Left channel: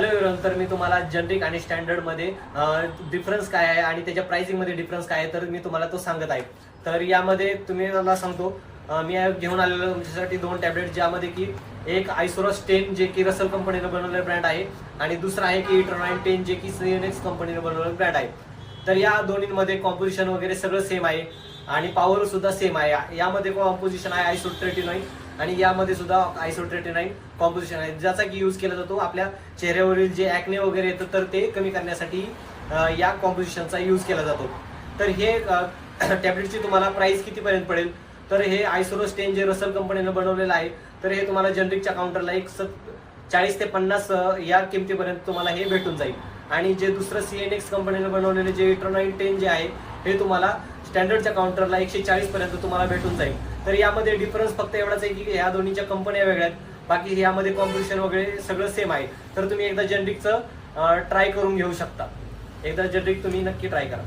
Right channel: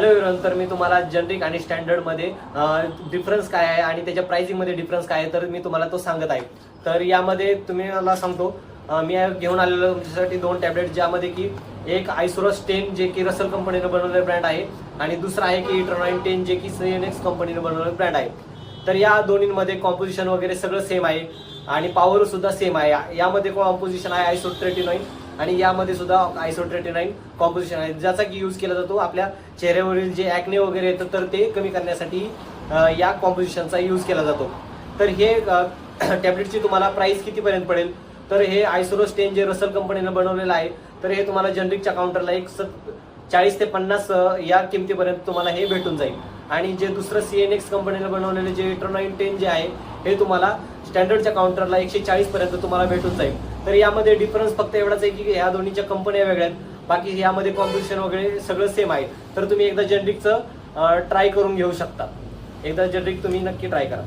Hello everyone, तर मी तुम्हाला generic आणि स्टँडर्ड मध्ये डिफरन्स काय आहे आणि त्याच्या प्राइसिंग मध्ये डिफरन्स काय आहे तर मी तुम्हाला तो सांगत आहे. तर यामध्ये तुम्ही मला सांगतो, मी घेऊन आलेलो तुमच्यासाठी 2 टॅबलेट, ज्यामध्ये की एक आयसोरस 10 जे की रसल कंपनीने बनवलेलं ब्रँड आहे आणि दुसरा आहे की इटरनाइन 10 जे की सीएनएक्स कंपनीने बनवलेलं ब्रँड आहे. तर या दोन्हीमध्ये कॉम्पोजिशन वगैरे सगळं सेम आहे आणि पॉवर सुद्धा सेम आहे. यामध्ये कॉम्पोजिशन आहे आयसोट्रेटिनॉइन आणि यामध्ये सुद्धा आयसोट्रेटिनॉइन कॉम्पोजिशन आहे, ज्याचा की यूज केला जातो आपल्या चेहऱ्यावरील जे ऍक्ने वगैरे येतं तर ते कमी करण्यासाठी या कॉम्पोजिशनचा यूज केला जातो. तर हे टॅबलेटची तुम्हाला प्राइस कितीपर्यंत पडेल, तर हे आयसोरस 10 जे रसल कंपनीने बनवलेलं आहे तर हे तुम्हाला जनरिकच्या काउंटरला 40 ते 50 या किमतीपर्यंत तुम्हाला हे भेटून जाईल. आणि जे दुसरं सीएनएक्स कंपनीने बनवलेले जे इटरनाइन 10 जे आहे हे तुम्हाला स्टँडर्डच्या काउंटरला 140 पर्यंत तुम्हाला भेटून जाईल. तर यामध्ये डिफरन्स फक्त एवढाच आहे की ह्या दोन्हीच्या कंपन्या वेगळ्या आहेत, बाकी यामध्ये कॉम्पोजिशन वगैरे सगळं सेम आहे. तर तुम्ही एकदा जनरिकचं ट्राय करून घेऊ शकता. एकदा जनरिक तुम्ही नक्की ट्राय करा.